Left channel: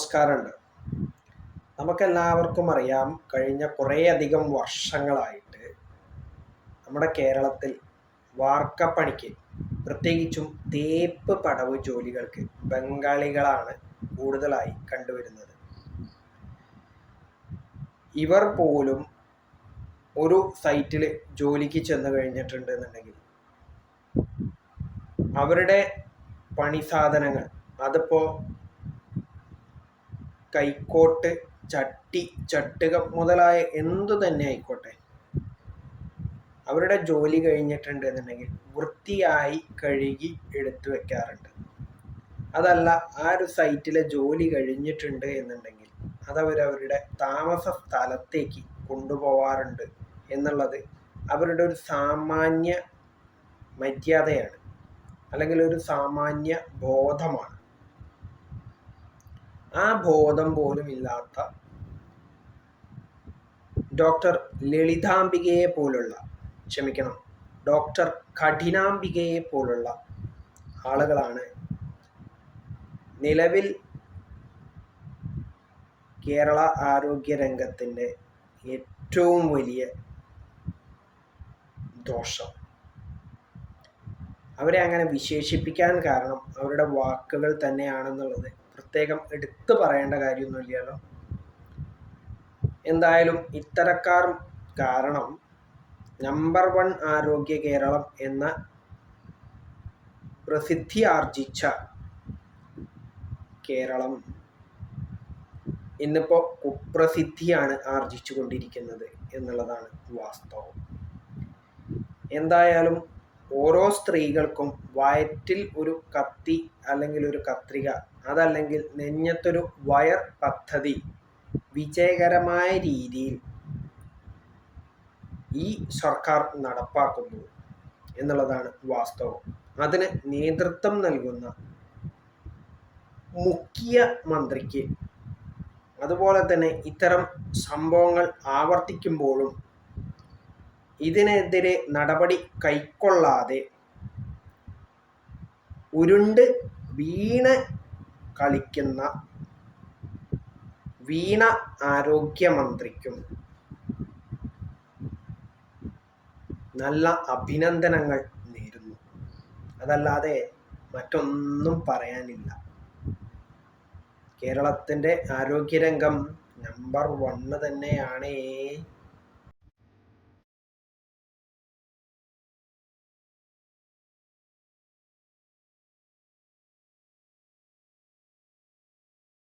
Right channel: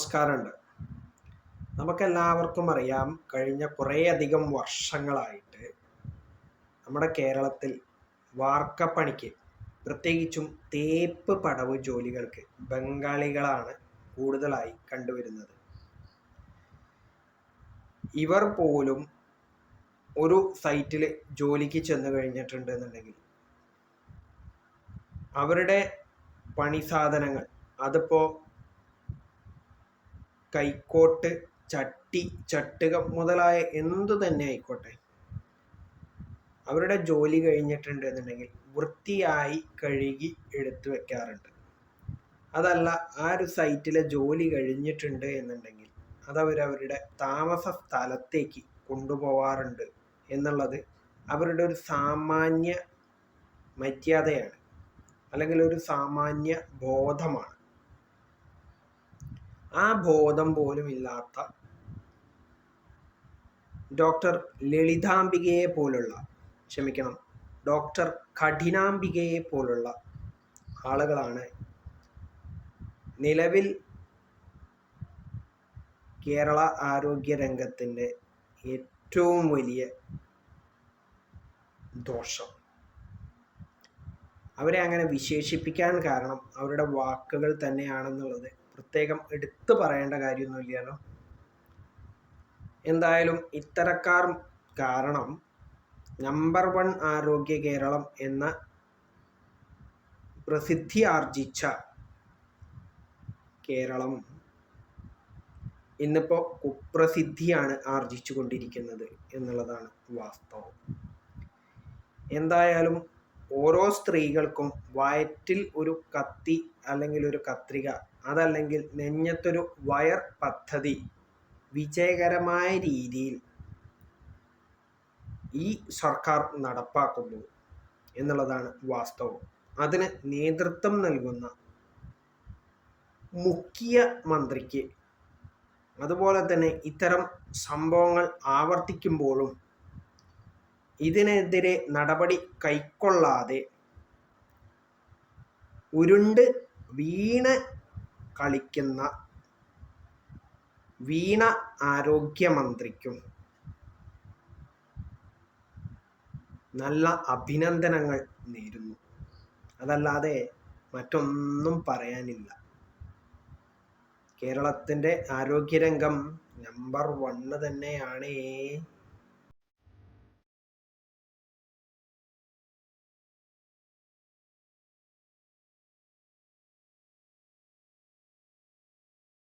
നമസ്കാരമുണ്ട്. നമുക്കെല്ലാവർക്കും അറിയാം, കഴിഞ്ഞ കുറേയധികം വർഷങ്ങളായിട്ട് നമ്മുടെ കേരളത്തിൽ വാർക്കപ്പണിക്ക്, പ്രത്യേകിച്ചും തേപ്പ് പടവ് ജോലികൾക്ക് ബംഗാളികളാണ് കൂടുതലായി കണ്ടുവരുന്നത്. ഇവർ പോലും ഒരു സൈറ്റിൽ ജോലിക്ക് ചെന്ന് കഴിഞ്ഞിട്ടുണ്ട് എന്നുണ്ടെങ്കിൽ അവരുടെ പണി സാധനങ്ങൾ, അതിപ്പോൾ കൈക്കോട്ട്, ചട്ടി, ചട്ടുകം മുതലായ എന്തു തന്നെ ആയിക്കോട്ടെ, അവരുടെ ജോലി കഴിഞ്ഞിട്ടുണ്ട് എന്നുണ്ടെങ്കിൽ വൃത്തിയായി കഴുകി എടുത്തു വെക്കാറുണ്ട്. അതല്ല, ആ ഒരു സൈറ്റിലെ ജോലി കഴിഞ്ഞിട്ടുണ്ട് എന്നുണ്ടെങ്കിൽ അതവരവരുടെ താമസ സ്ഥലത്തേക്ക് കൊണ്ടുപോകാറുണ്ട് എന്നുള്ളത് അവരുടെ ഒരു സാമാന്യ മര്യാദയാണ്, അല്ലെങ്കിൽ ഒരു സാമാന്യ ബോധമാണ്. ആ ബോധം പോലും ഇല്ലാത്ത ഡോക്ടർ ലളിതാംബികയെ പോലുള്ള, ഡോക്ടർ കഠിനാംബികയെ പോലുള്ള ആളുകളാണ് നിലവിൽ കേരള ആരോഗ്യ രംഗത്തിൻ്റെ ഏറ്റവും വലിയ ദോഷം. അവരെ അങ്ങനെ വിശേഷിപ്പിക്കാൻ കാരണം അവരുടെ വാക്കുകൾ തന്നെയാണെന്നുള്ളത് പ്രത്യേകം എടുത്തു പറയേണ്ട കാര്യമൊന്നുമില്ലല്ലോ. എന്തായാലും ഇത്തരക്കാർ കാരണം നമ്പർ 1 ആരോഗ്യ കേരളം എന്ന പ്രസിദ്ധി ആർജിച്ച കേരളം ഇന്നിപ്പോൾ കുപ്രസിദ്ധിയാണ് ആർജിച്ചു കൊണ്ടിരിക്കുന്നത് എന്നുള്ളതാണ് വാസ്തവം. എന്തായാലും ഓരോ സ്ത്രീകൾക്കും വയറ്റിൽ ഒരു കത്തി അല്ലെങ്കിൽ ഒരു കത്രിക, അതല്ലെങ്കിൽ നെഞ്ഞത്തൊരു വയർ പദ്ധതി വിജയകരമായ രീതിയിൽ ഈ സർക്കാർ നടപ്പാക്കുന്നു എന്നുള്ളതാണ് വാസ്തവം. അതിന് നേതൃത്വം നൽകുന്ന മുഖ്യമന്ത്രിക്ക്, അതുപോലെ തന്നെ ഇത്തരം സംഭവങ്ങൾ ആവർത്തിക്കുമ്പോഴും ഇതിനെതിരെ നടപടി കൈക്കൊള്ളാതെ ഉരുണ്ട് വീണ് കളിക്കുന്ന വീണ ആരോഗ്യമന്ത്രിക്കും നല്ല അഭിനന്ദനങ്ങൾ നേരുന്നു. അതല്ലാതെ മറ്റൊന്നും പറയാനില്ല. കേരളത്തിൻ്റെ ആരോഗ്യരംഗം നമ്പർ 1 തന്നെയാണേ.